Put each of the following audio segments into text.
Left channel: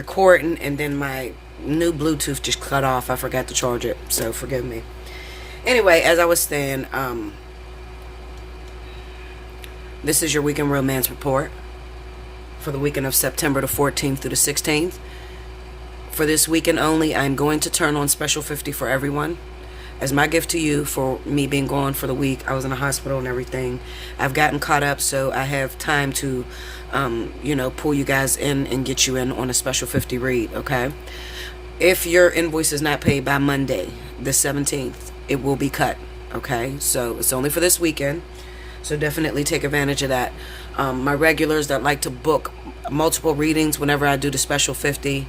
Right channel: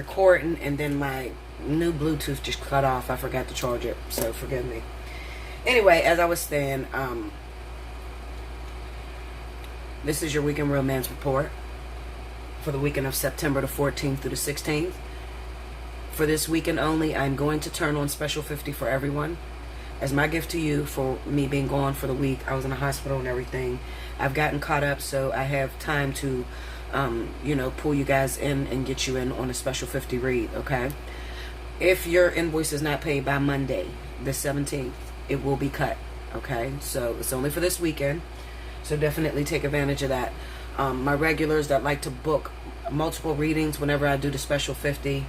recording, and then my new Bluetooth just cut off. I forgot to charge it, so forgive me. Anyway, as I was saying, this is your weekend romance report for the weekend of September the 14th through the 16th. For this weekend only, I'm going to turn on Special 50 for everyone as my gift to you for me being gone for the week. I was in the hospital and everything. I've gotten caught up, so I have time to, pull you guys in and get you in on a Special 50 read, okay? If your invoice is not paid by Monday, the 17th, it will be cut, okay? So it's only for this weekend, so definitely take advantage of that. My regulars that like to book multiple readings whenever I do the Special 50,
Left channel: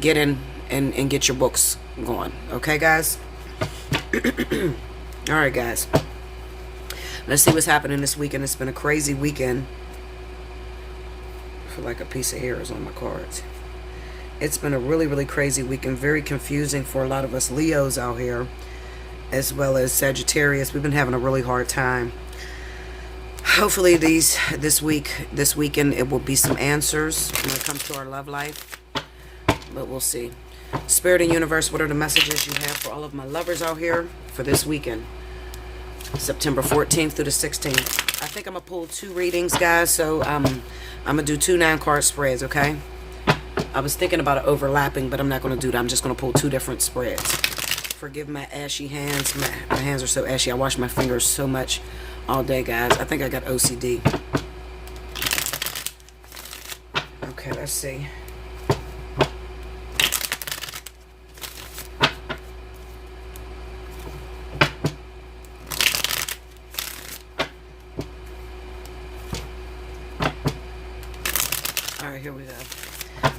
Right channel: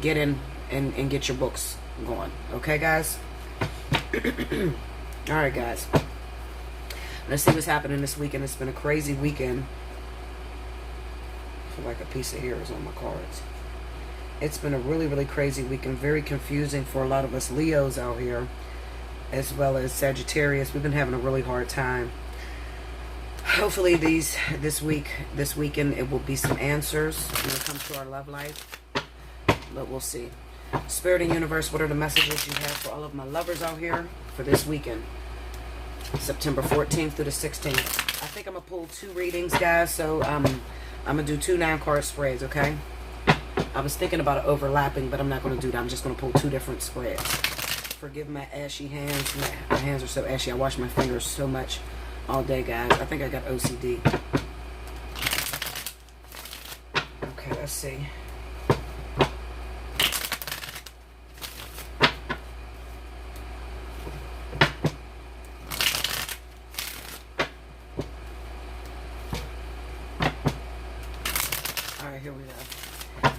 get in and get your books going, okay, guys? All right, guys, let's see what's happening this weekend. It's been a crazy weekend. I feel like a piece of hair is on my cards. It's been a really, really crazy weekend. Very confusing for a lot of us Leos out here, as well as Sagittarius. We've been having a really hard time. Hopefully this weekend it will be some answers when it comes to our love life, but we'll see. Spirit and universe, what are the messages you have for all of my lovers out here for this weekend, September 14th through the 16th? I think I'm gonna pull 2 readings, guys, so I'm gonna do 2 9-card spreads, okay? I was thinking about it overlapping, but I'm not gonna do that. I'm just gonna pull 2 different spreads. Forgive my ashy hands. My hands are so ashy. I wash my fingers so much all day, guys. I think I got OCD. Okay, let's see. Here we go.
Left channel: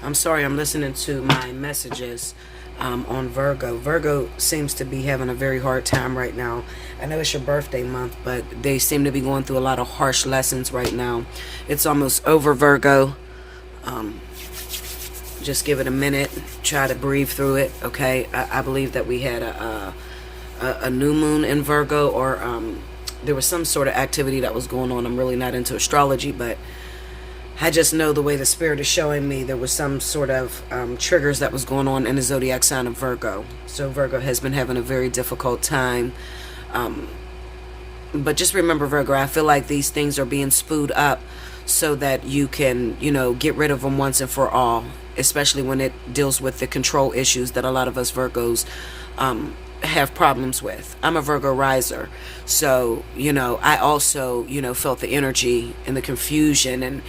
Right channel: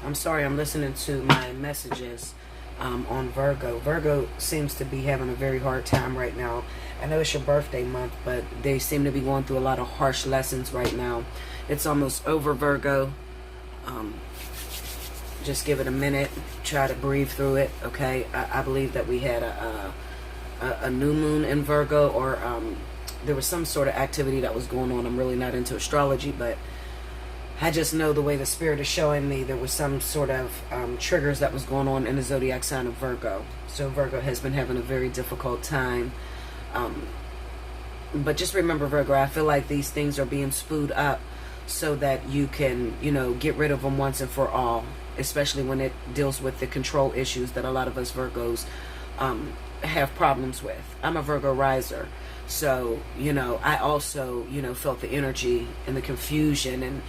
I'm sorry, I'm listening to my messages on Virgo. Virgo seems to be having a very hard time right now. I know it's your birthday month, but they seem to be going through a lot of harsh lessons right now. It's almost over, Virgo. Just give it a minute. Try to breathe through it, okay? I believe that we had a new moon in Virgo, or there was some sort of activity that was going on. I'm really not into astrology, but I just know the way the spirit is showing me there was some sort of triggers that was going on in the zodiac sign of Virgo. So Virgo has been having a very difficult time. But just remember, Virgo, I feel like these things are being spooed up so that you can, get rid of them once and for all, especially when it deals with the control issues that a lot of us Virgos have problems with. I'm a Virgo riser, so, I also, felt the energy and the confusion and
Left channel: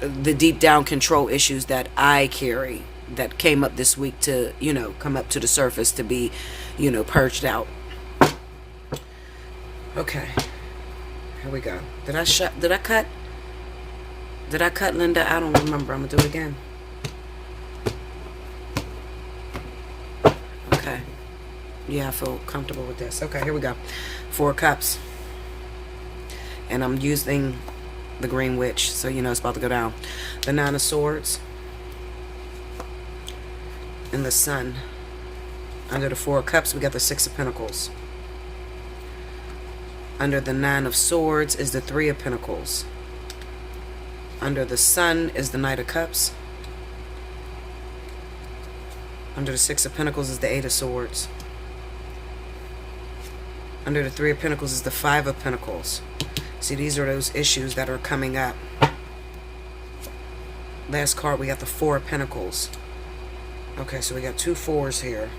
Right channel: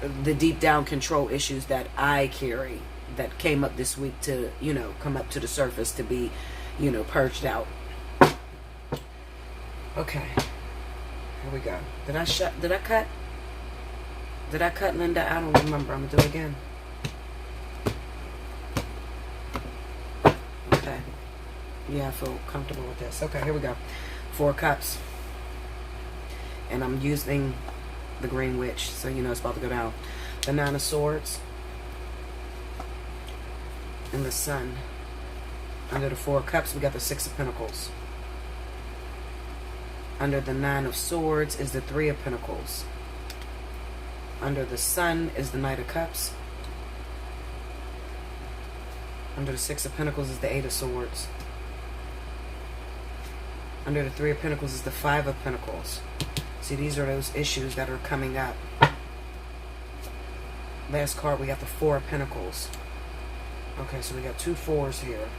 the deep down control issues that I carry that came up this week to, come up to the surface to be, purged out. Okay. Here we go. Did I cut? Did I cut, Linda? I don't remember. I'm gonna do it again. Okay. Yeah, I feel comfortable with this. Okay, here we go. 4 cups. And I'm using the Green Witch, so it's about to go down. The 9 of Swords and the Sun. Under the 4 of Cups, we got the 6 of Pentacles. Under the 9 of Swords is the 3 of Pentacles. Under the Sun is the Knight of Cups. Under the 6 of Pentacles is the 8 of Swords. Under the 3 of Pentacles is the 5 of Pentacles. See, these are those issues that are coming up. Last card, we got the 4 of Pentacles. Okay, so we got 2 4s here.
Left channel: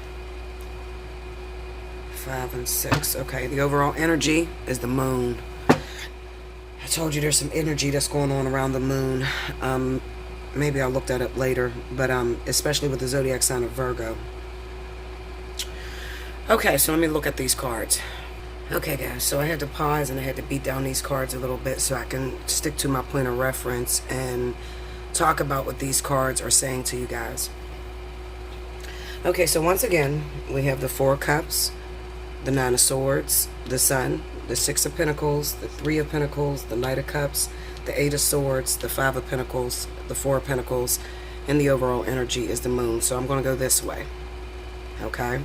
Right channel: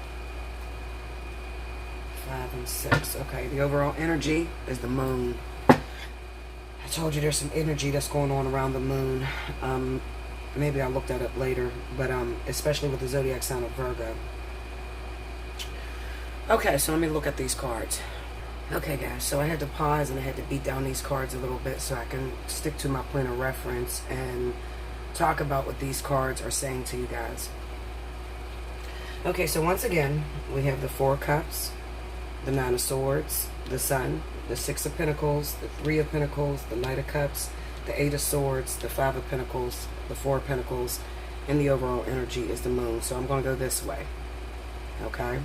5 and 6. Okay, the overall energy is the moon. I told you there's some energy that's going on around the moon. Maybe I'll look that up later, but especially with the zodiac sign of Virgo. Okay, so let me look at these cards. Okay, guys, so I had to pause and I had to beat down these cards a little bit so I can stick to my point of reference and talk about what these cards are saying to you guys. Okay, so once again, we have the 4 of Cups, the 9 of Swords, the Sun, the 6 of Pentacles, the 3 of Pentacles, the Knight of Cups, the 8 of Swords, the 5 of Pentacles, the 4 of Pentacles, and the overall energy is the moon. So I'm going to go this way. Okay?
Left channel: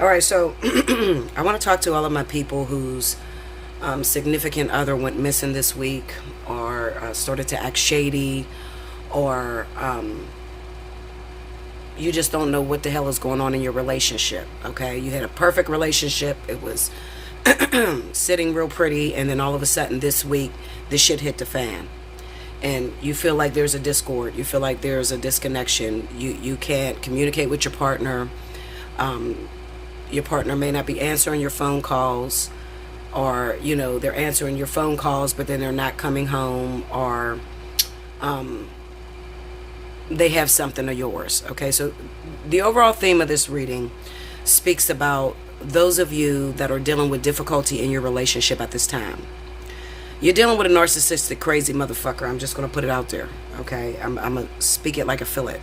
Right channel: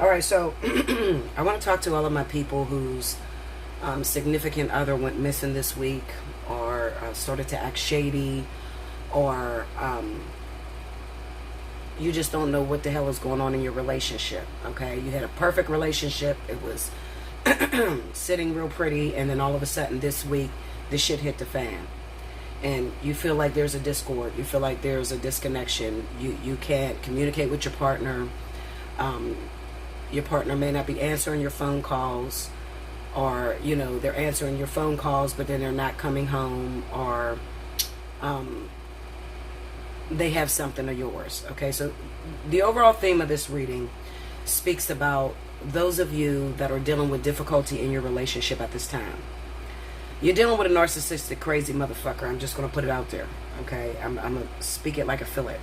Alright, so I want to talk to all of my people whose significant other went missing this week, or started to act shady, or you just don't know what the hell is going on in your relationship. Okay, you had a perfect relationship. It was sitting real pretty, and then all of a sudden this week this shit hit the fan, and you feel like there's a discord. You feel like there's a disconnection. You can't communicate with your partner. Your partner may not be answering your phone calls, or they're answering your phone calls but then they're not coming home, or they have something of yours. Okay, so the overall theme of this reading speaks about those of you that are dealing with difficulty in your relationship at this time. You're dealing with a narcissistic, crazy motherfucker. I'm just going to put it out there. Okay, I'm going to speak it like I feel it.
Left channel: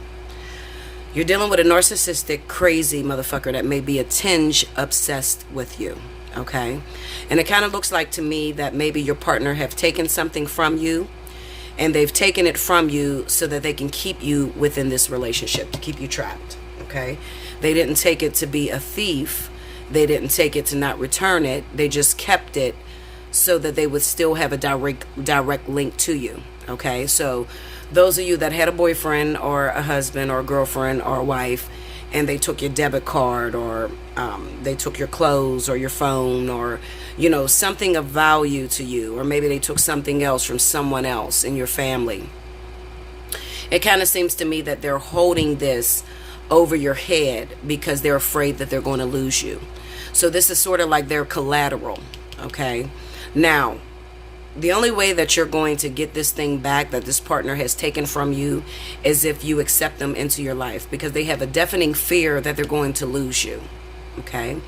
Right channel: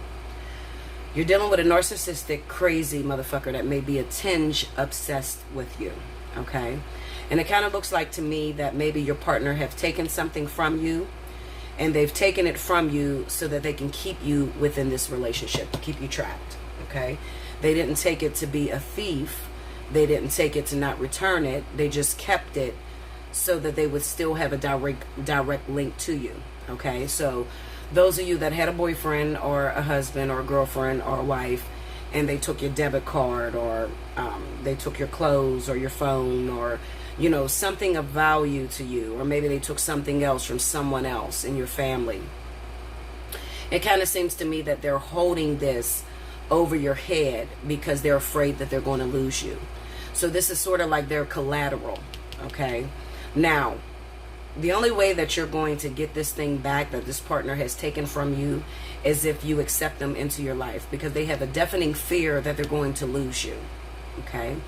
You're dealing with a narcissistic, crazy motherfucker that may be a tinge obsessed with you. Okay, and it kind of looks like to me that maybe your partner have taken something from you, and they've taken it from you so that they can keep you within this relationship, to keep you trapped. Okay, they didn't take it to be a thief. They didn't take it to not return it. They just kept it so that they would still have a direct link to you. Okay, so those of you that had a boyfriend or a husband or a girlfriend or a wife, and they took your debit card, or they took your clothes or your phone, or something of value to you, or maybe they took something else from someone else in your family. It kind of seems to me that they're holding this over your head because they're afraid that they're going to lose you. So this is sort of like their collateral. Okay, now the only way that you're going to get this thing back that this partner has taken from you is if you accept them into your life, because they have a deafening fear that they're going to lose you. Okay,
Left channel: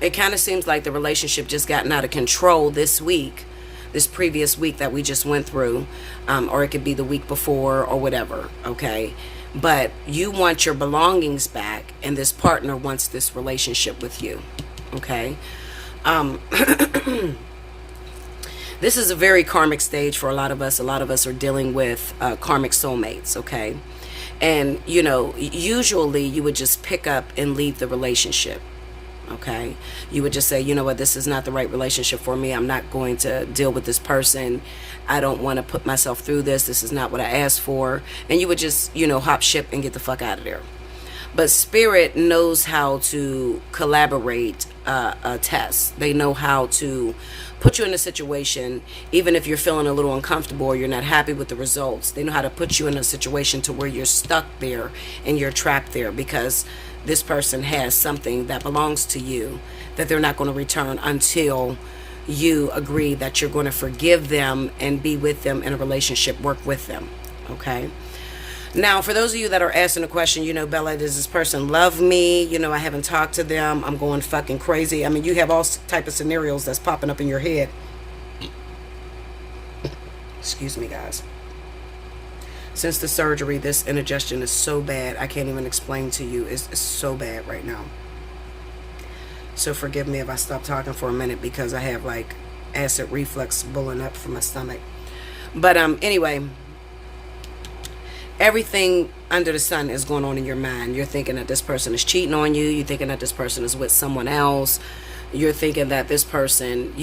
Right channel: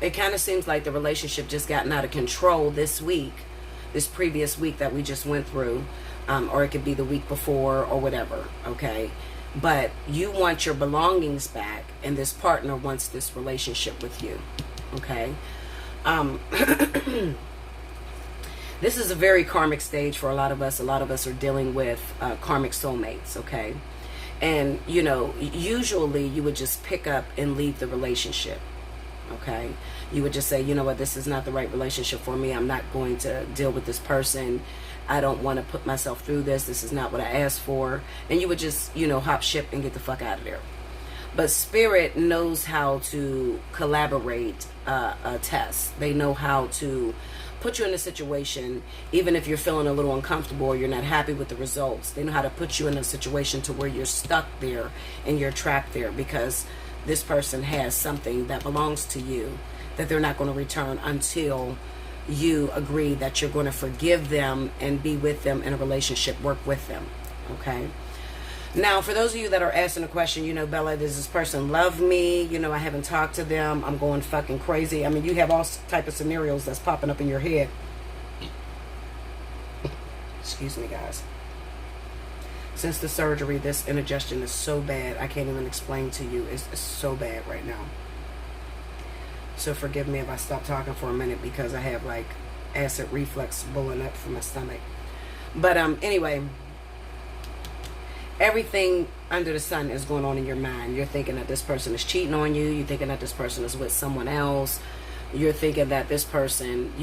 it kind of seems like the relationship just gotten out of control this week, this previous week that we just went through, or it could be the week before or whatever. Okay, but you want your belongings back, and this partner wants this relationship with you. Okay. This is a very karmic stage for a lot of us. A lot of us are dealing with karmic soulmates, okay? And, usually you would just pick up and leave the relationship, okay? You would just say, you know what, this is not the right relationship for me. I'm not going to deal with this person. I don't want to put myself through this. This is not what I asked for. And you would just, hop ship and get the fuck out of there. But Spirit knows how to collaborate a test. They know how to put you in a situation, even if you're feeling a little uncomfortable or you're not happy with the results. They know how to put you in a situation to where you're stuck there and you're trapped there because this person has something that belongs to you that they're not going to return until you agree that you're going to forgive them and be with them in a relationship, work with them. Okay? Now, for those of you that are asking the question, Bella, does this person love me? I haven't talked to them. I'm going fucking crazy. I mean, you have all type of scenarios that's popping up in your head. Excuse me, guys. Since the surgery, this indigestion is so bad, I can't even explain to you. It's so bad right now. So forgive me if I stop talking for a minute because I have like acid reflux bubbling up from my stomach. But anyway, everything under the sun is going on in your mind. You're thinking that this person is cheating on you. You're thinking that this person is with someone else. You're thinking that this person,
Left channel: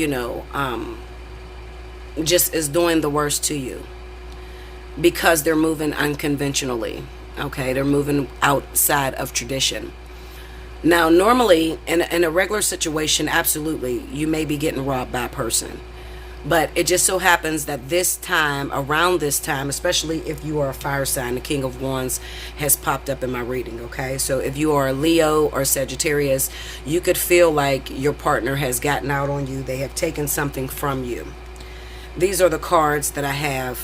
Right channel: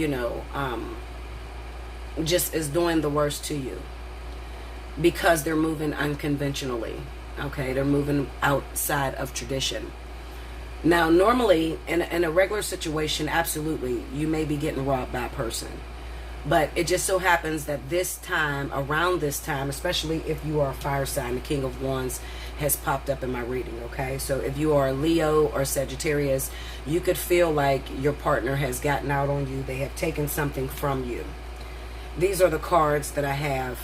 just is doing the worst to you because they're moving unconventionally. Okay, they're moving outside of tradition. Now, normally, in a regular situation, absolutely, you may be getting robbed by a person. But it just so happens that this time, around this time, especially if you are a fire sign, the King of Wands has popped up in my reading, okay? So if you are a Leo or Sagittarius, you could feel like your partner has gotten out on you. They have taken something from you. These are the cards that I have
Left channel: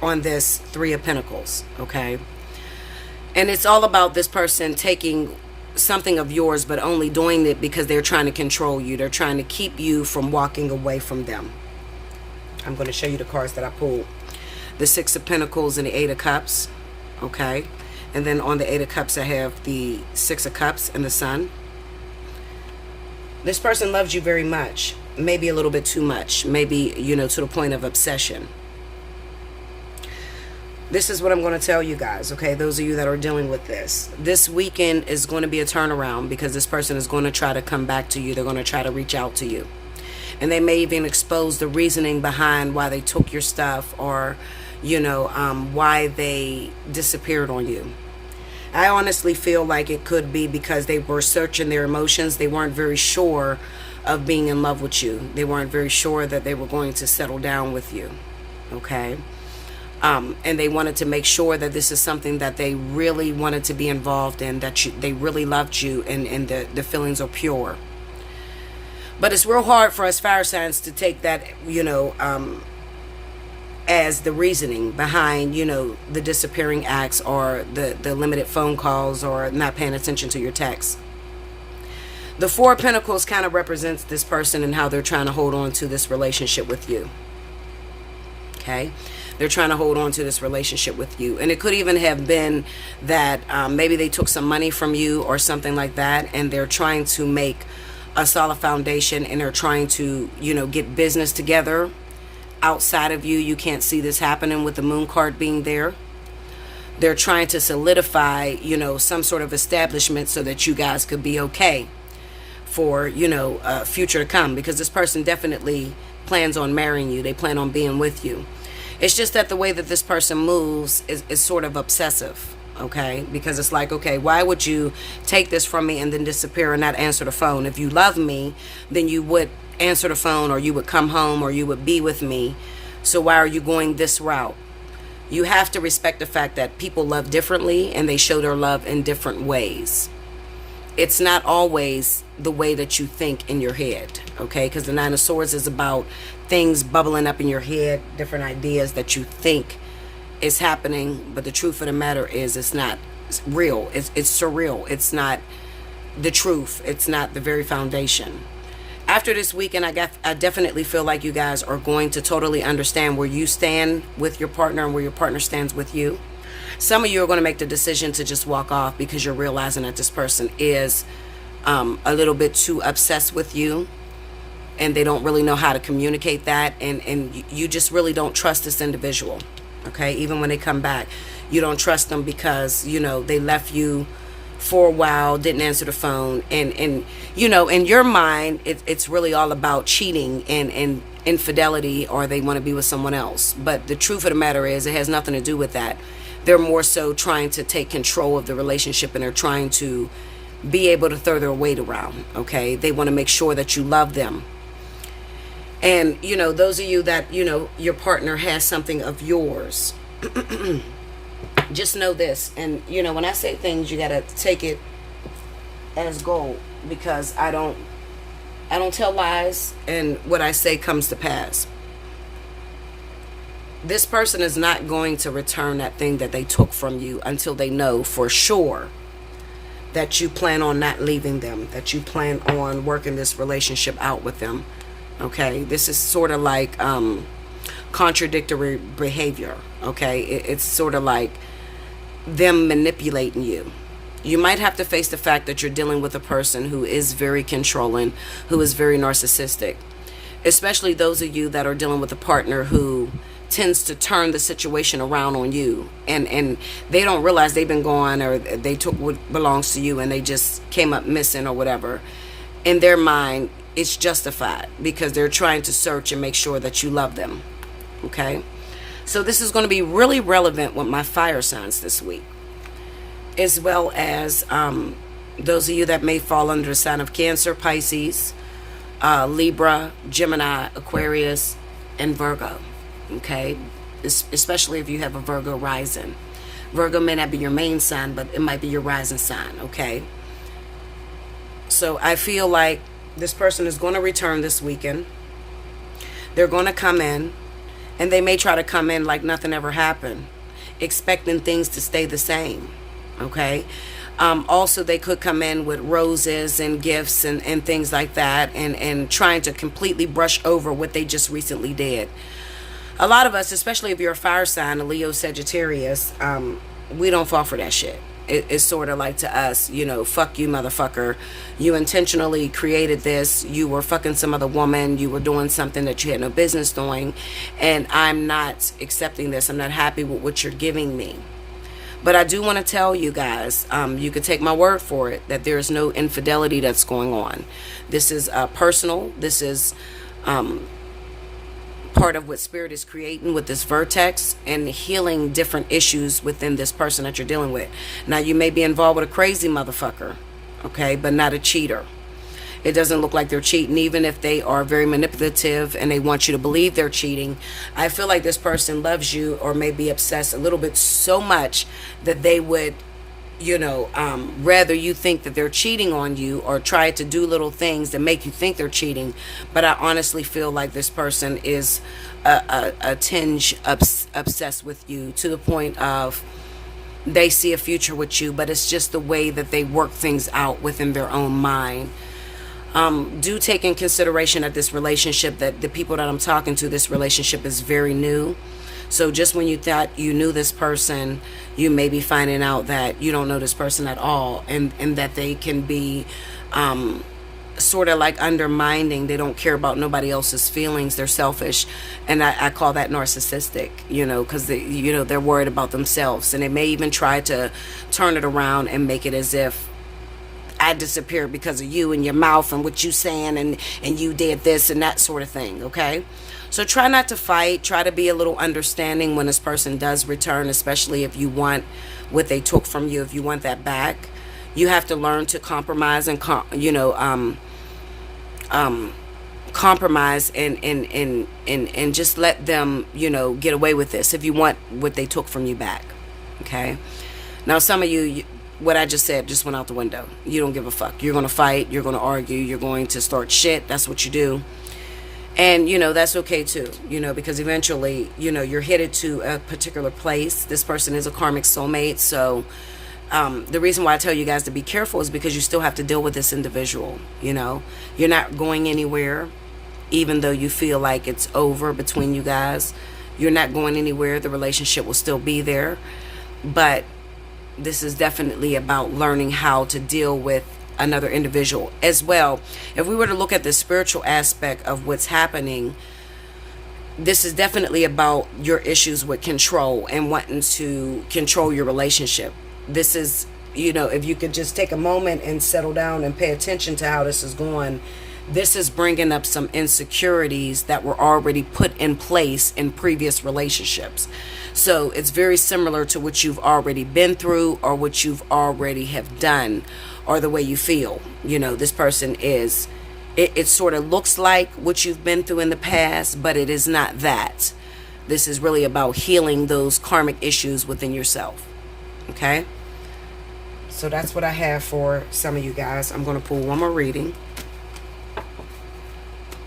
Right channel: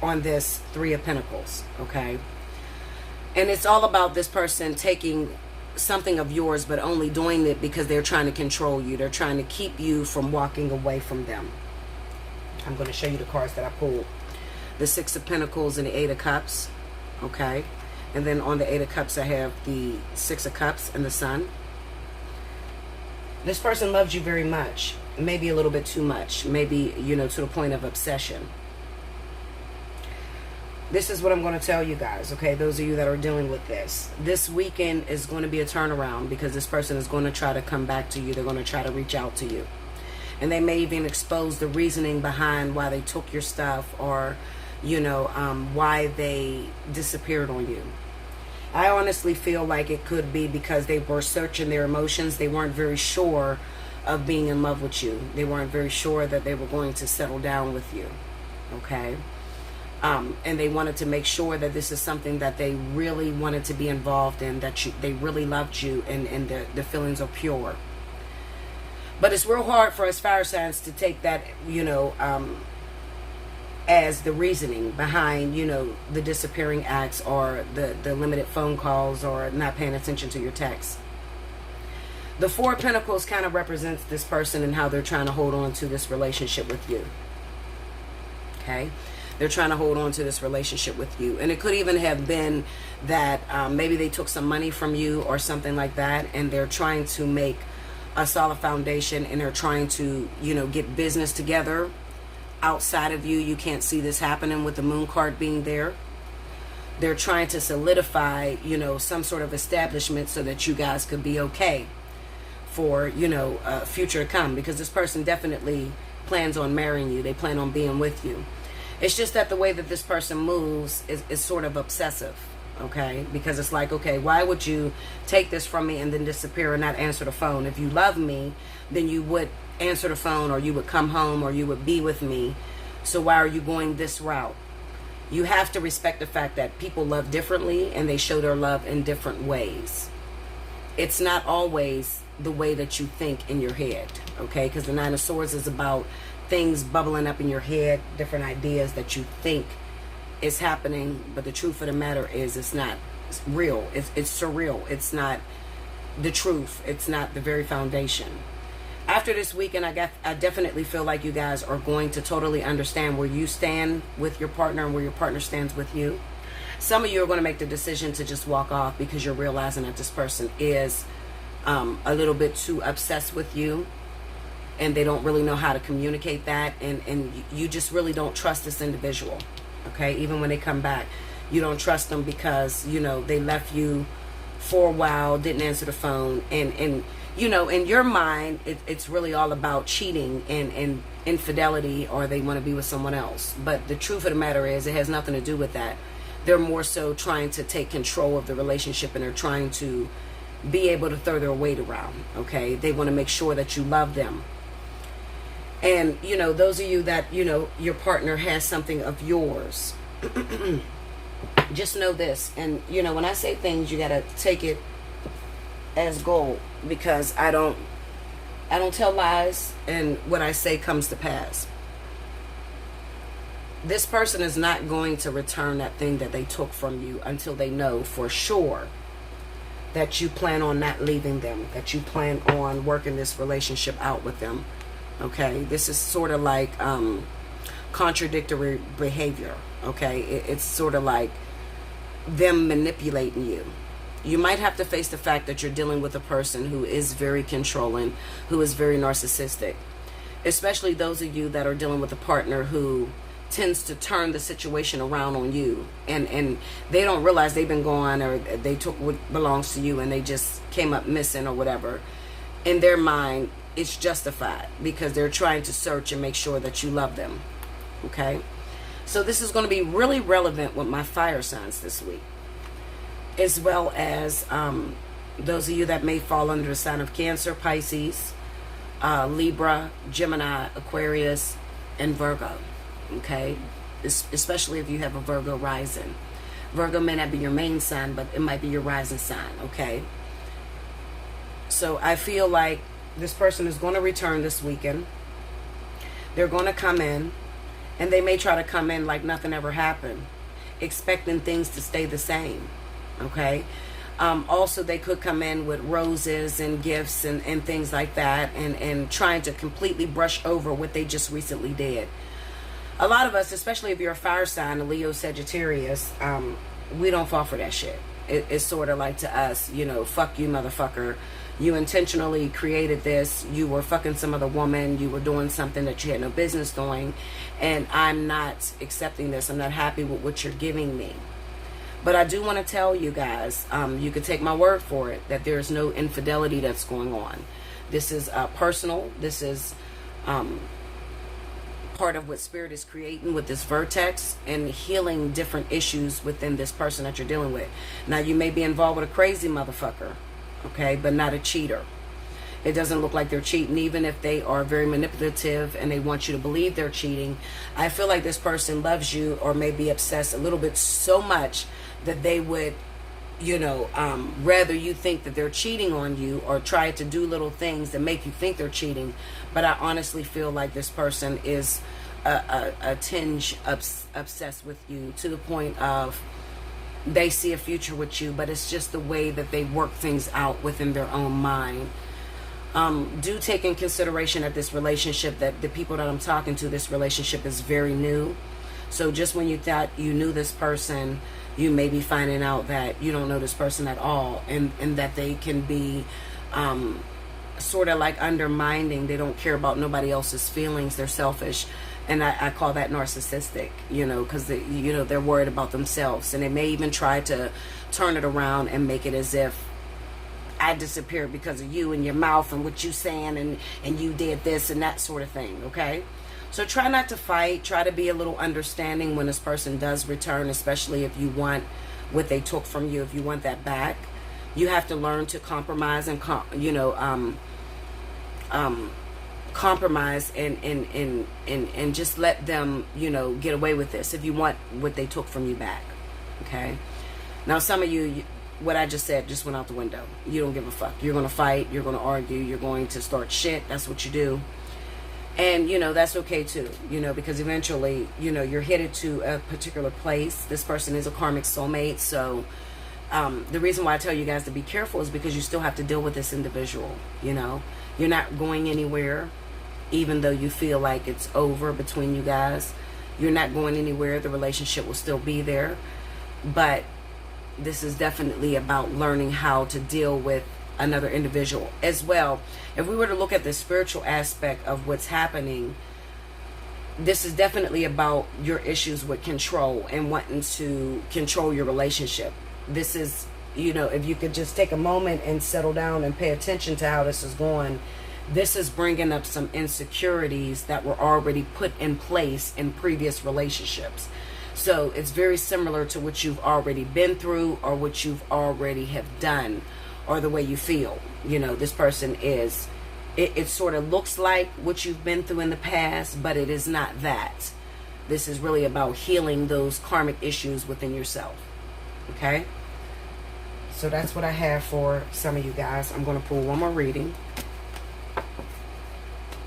on this Three of Pentacles, okay? And it's all about this person taking something of yours, but only doing it because they're trying to control you. They're trying to keep you from walking away from them. I'm going to show you the cards that I pulled. The Six of Pentacles and the Eight of Cups, okay? And then on the Eight of Cups, I have the Six of Cups and the Sun. This person loves you very much, maybe a little bit too much, maybe, to the point of obsession. This is what I'm going to tell you guys, okay? Those of you that are dealing with this. This weekend is going to be a turnaround because this person is going to try to come back to you. They're going to try to reach out to you. And they may even expose the reasoning behind why they took your stuff, or, why they disappeared on you. I honestly feel like it could be because they were searching their emotions. They weren't very sure of being in love with you. They weren't very sure that they were going to settle down with you. Okay? And they wanted to make sure that this is something that they really wanted to be involved in, that they really loved you, and the feelings are pure. But it's real hard for us fire signs to take that, as the reasoning behind, the disappearing acts, or the limited phone calls, or not paying attention to your texts. The Four of Pentacles kind of represents this person and how they're trying to hold on to this relationship with you. Okay? They're trying to hold on to this relationship with you. And it could even have been that maybe they took some money from you or something like that, and they're trying to make a solid foundation, and they're trying to, get business together outside of you. You can't see this happening with the Moon card being there. They're trying to solidify, some sort of establishment so that you guys could be okay for, future to come, because this person definitely plans on marrying you. They plan on being with you. It's just that the way that this person moves is sort of obsessive, okay? Because it's like, okay, why would you take this from me and then disappear and not answer the phone? If you love me, then you would answer the phone, or you would come home, or you would be with me. So why are you going this route? You have to respect the fact that people love differently, and they show their love in different ways. It's not always the way that you think in your head, okay? Because the Nine of Swords is about things bubbling up in your head, different ideas that you think is happening, but the truth of the matter is it's not real. It's surreal. It's not the truth. It's not the very foundation. After this weekend, I definitely feel like you guys are going to totally understand where you stand with your partner and where your partner stands with you. Some of you are going to make the decision to just walk off because you're realizing that this person is a little bit too obsessed with you, and they don't really know how to communicate that, and you just really don't trust this individual, okay? Even when they come back, you don't trust them because, they left you for a while, didn't answer the phone, and in your mind, it's really all about cheating and infidelity, or they want to be with someone else. But the truth of the matter is, it has nothing to do with that. They're more so trying to take control of the relationship, and they're trying to be able to throw their weight around, okay? They want to make sure that you love them. And, those of you that, your partner has something of yours, just know this. And, when I say things, you got to take it as gold, because I don't tell lies, and what I say comes to pass. This person is not going to return that thing that they took from you until they know for sure that you plan on not leaving them, that you plan on working this relationship out with them. Okay, this is sort of like contradictory behavior. Okay, it's sort of like them manipulating you. You might have to face the fact that you're dealing with a person who is very controlling, who is very narcissistic, especially those of you that are dealing with a partner who tends to turn the situation around on you, and they don't realize they've been gone, or they took what belongs to you and they just came up missing or whatever. In their mind, it's justified because they're trying to search and make sure that you love them. Okay, so this is going to be really relevant with my fire signs this week, as well as those of you that may fall under the sign of Cancer, Pisces, Libra, Gemini, Aquarius, and Virgo. Okay, especially if you have a Virgo rising. Virgo may not be your main sign, but it might be your rising sign. Okay, so I feel like this person is going to return this weekend. They're going to come in, and they may try to come in like nothing ever happened, expecting things to stay the same. Okay, also they could come in with roses and gifts and things like that, and trying to completely brush over what they just recently did. A lot of us, especially if you're a fire sign, a Leo, Sagittarius, we don't fall for that shit. It's sort of like to us, fuck you, motherfucker. You intentionally created this. You were fucking some other woman. You were doing something that you had no business doing. And I'm not accepting this. I'm not happy with what you're giving me. But I do want to tell you guys, you could take my word for it, that there is no infidelity that's going on. This is personal. This is part of what spirit is creating with this vertex and healing different issues within this person that you're dealing with. Now, you may be involved with a crazy motherfucker, okay, but not a cheater. It doesn't look like they're cheating, even if they are very manipulative and they want you to believe they're cheating. I feel like this person loves you, or may be obsessed a little bit so much that they would, rather you think that they're cheating on you, or try to do little things that make you think they're cheating. But I honestly feel like this person is a tinge obsessed with you, to the point of they see a future with you, but it's just the way that they work things out within their own mind. Do take in consideration that this relationship, that the people that I'm talking to, this relationship is very new. So just when you thought you knew this person, you may be finding out that you don't know this person at all, and that they can be sort of like undermining. They don't care about nobody else's feelings. They're selfish, and I call that narcissistic, because they're worried about themselves, and they may even try to turn it around and make it as if I disappeared because of you and your mouth and what you saying, and you did this and that sort of thing, okay? So try not to fight. Try to be a little understanding when this person does return, especially if you want what they took from you, if you want that back. You have to learn to compromise and compromise and just let them, get away with this if you want what they took from you back, okay? Now, some of you, what I just said just went out the window. You don't give a fuck. You're going to fight. You're going to argue. You're going to start shit. That's what you do. And, that's okay too, because eventually, you're headed to a particular place. This person is a karmic soulmate. So the reason why I tell you guys to be careful is because you still have to deal with this individual. You're not going anywhere, even though you feel like it's over between you guys. You're not going anywhere. The relationship will still be there. But this is definitely about learning how to deal with another individual as well. If we were to look at the spiritual aspect of what's happening, this is definitely about your issues with control and wanting to control your relationship. This is, if you could just take a moment and settle down and pay attention to how this is going, this is bringing up some insecurities that were already put in place in previous relationships. So it's very similar to what you've already been through, or what you've already have done, or the way you feel. This person is, it sort of looks like what you've been through in the past, but it is not that. This is really about healing those karmic issues within yourself. Okay? So that's what I have for some of you guys. I'm going to pull one more reading.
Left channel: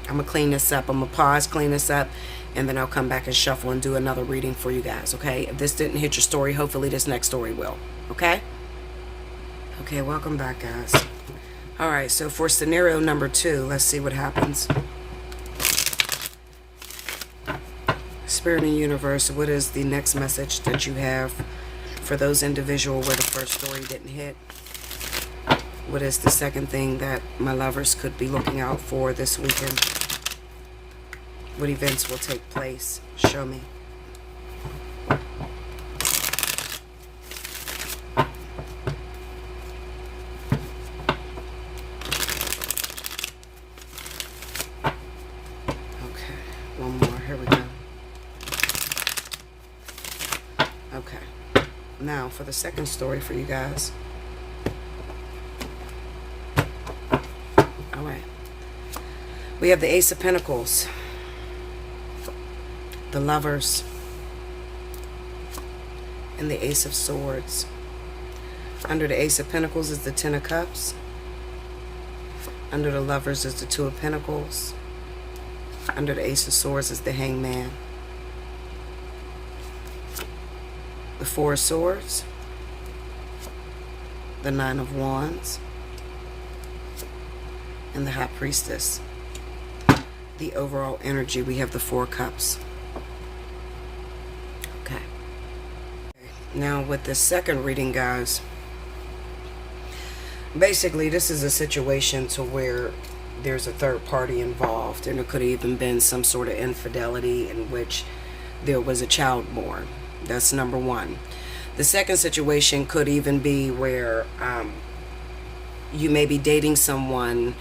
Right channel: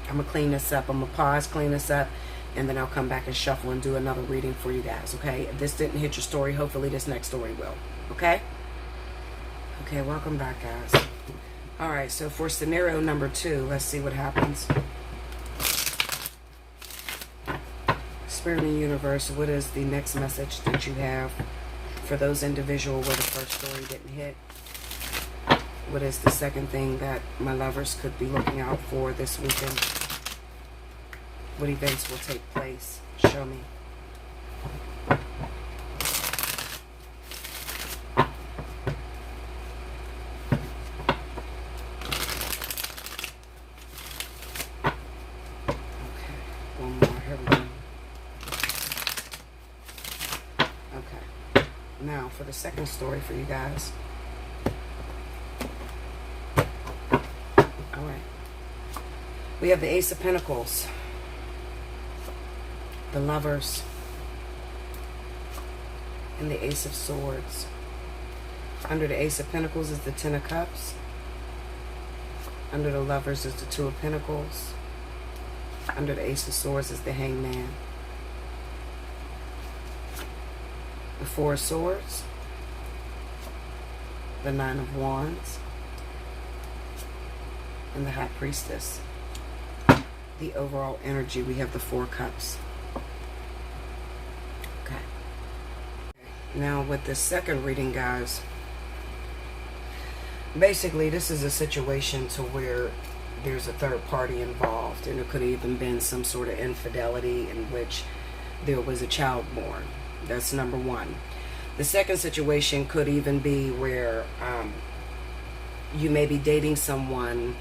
I'm going to clean this up. I'm going to pause, clean this up, and then I'll come back and shuffle and do another reading for you guys, okay? If this didn't hit your story, hopefully this next story will, okay? Okay, welcome back, guys. All right, so for scenario number 2, let's see what happens. Spirit and universe, what is the next message that you have for those individuals where the first story didn't hit? What is the second thing that my lovers could be looking out for this weekend? What events will take place? Show me. Okay, one more. Here we go. Okay. Now, for the second story for you guys. All right. We have the Ace of Pentacles, the Lovers, and the Ace of Swords. Under the Ace of Pentacles is the Ten of Cups. Under the Lovers is the Two of Pentacles. Under the Ace of Swords is the Hangman. The Four of Swords. The Nine of Wands. And the High Priestess. The overall energy, we have the Four Cups. Okay. Now with the second reading, guys, basically this is a situation to where there's a third party involved, and it could have even been some sort of infidelity in which there was a child born. That's number one. The second situation could even be where you may be dating someone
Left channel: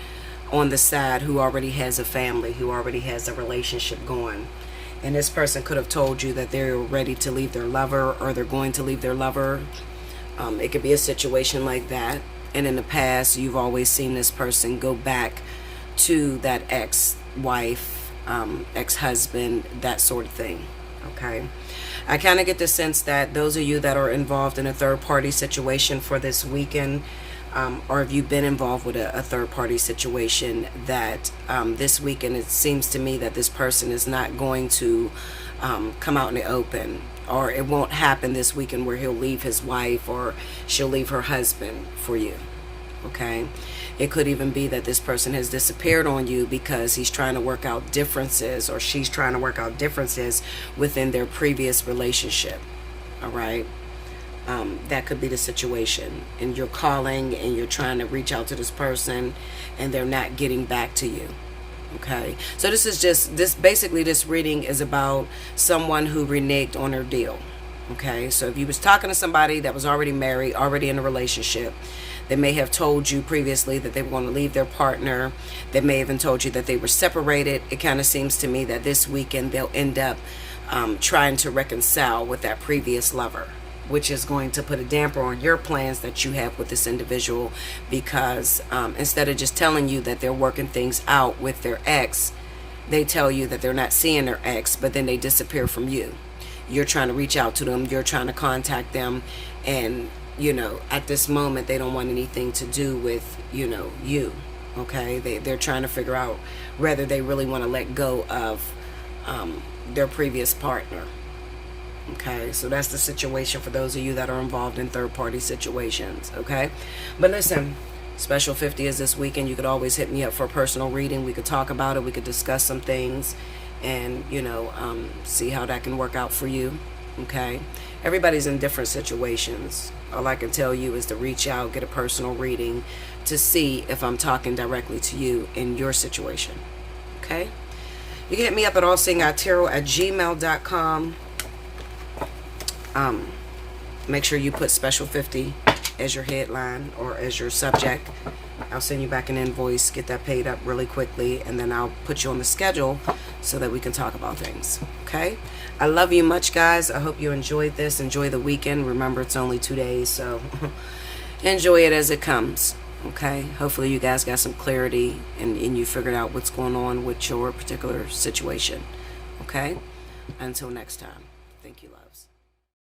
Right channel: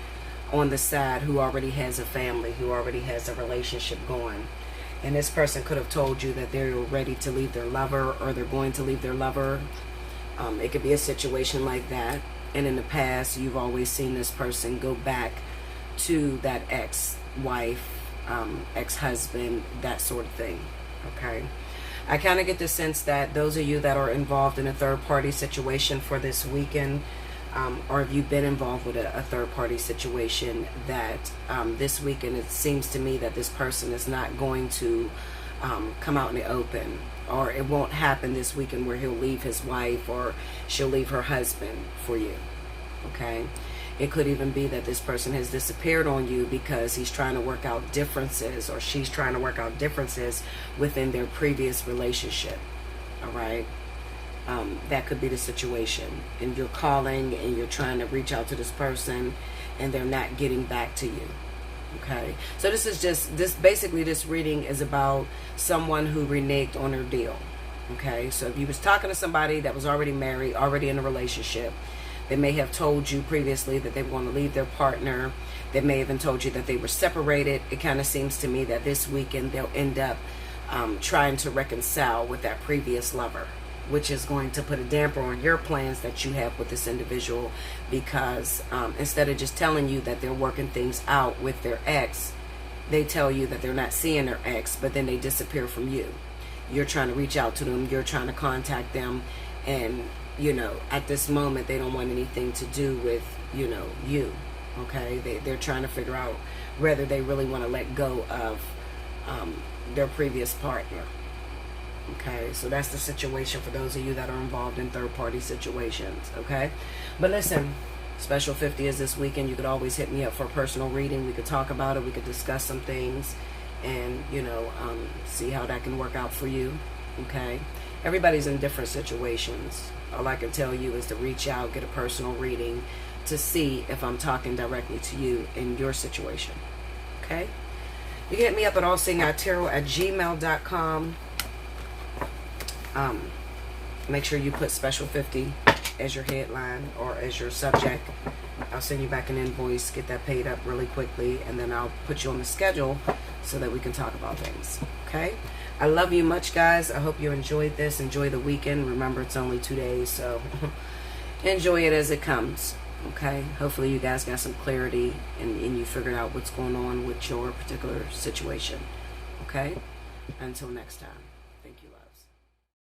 on the side who already has a family, who already has a relationship going. And this person could have told you that they're ready to leave their lover, or they're going to leave their lover. It could be a situation like that. And in the past, you've always seen this person go back to that ex-wife, ex-husband, that sort of thing. Okay. I kind of get the sense that those of you that are involved in a third-party situation for this weekend, or have you been involved with a third-party situation, that this weekend it seems to me that this person is not going to come out in the open, or it won't happen this weekend where he'll leave his wife or she'll leave her husband for you. Okay. It could even be that this person has disappeared on you because he's trying to work out differences, or she's trying to work out differences within their previous relationship. All right. That could be the situation. And you're calling and you're trying to reach out to this person and they're not getting back to you. Okay. So basically this reading is about someone who reneged on their deal. Okay. So if you was talking to somebody that was already married, already in a relationship, they may have told you previously that they were going to leave their partner. They may have even told you that they were separated. It kind of seems to me that this weekend they'll end up trying to reconcile with that previous lover, which is going to put a damper on your plans that you have with this individual, because instead of just telling you that they're working things out with their ex, they tell you that they're not seeing their ex, but then they disappear from you. You're trying to reach out to them. You're trying to contact them. And at this moment, they don't want anything to do with, you. Okay. They're trying to figure out whether they really want to let go of their previous partner. Okay. So that's the situation for those of you that are involved in third party situations. Okay. But listen, Special 50 is this weekend. You could always hit me up for a personal reading. We could talk about it. We could discuss some things and, see how that can work out for you. Okay. Everybody's in different situations. All I can tell you is to reach out, get a personal reading to see if I'm talking directly to you in your situation. Okay? You can hit me up at allseeingeyetarot@gmail.com. Make sure you put Special 50 as your headline or as your subject. I'll send you back an invoice, get that paid up really quickly, and then I'll put you on the schedule so that we can talk about things. Okay? I love you much, guys. I hope you enjoyed this. Enjoy the weekend. Remember, it's only 2 days, so enjoy it as it comes. Okay? Hopefully you guys got some clarity and you figured out what's going on with your particular situation. Okay? Until next time. Thank you, loves.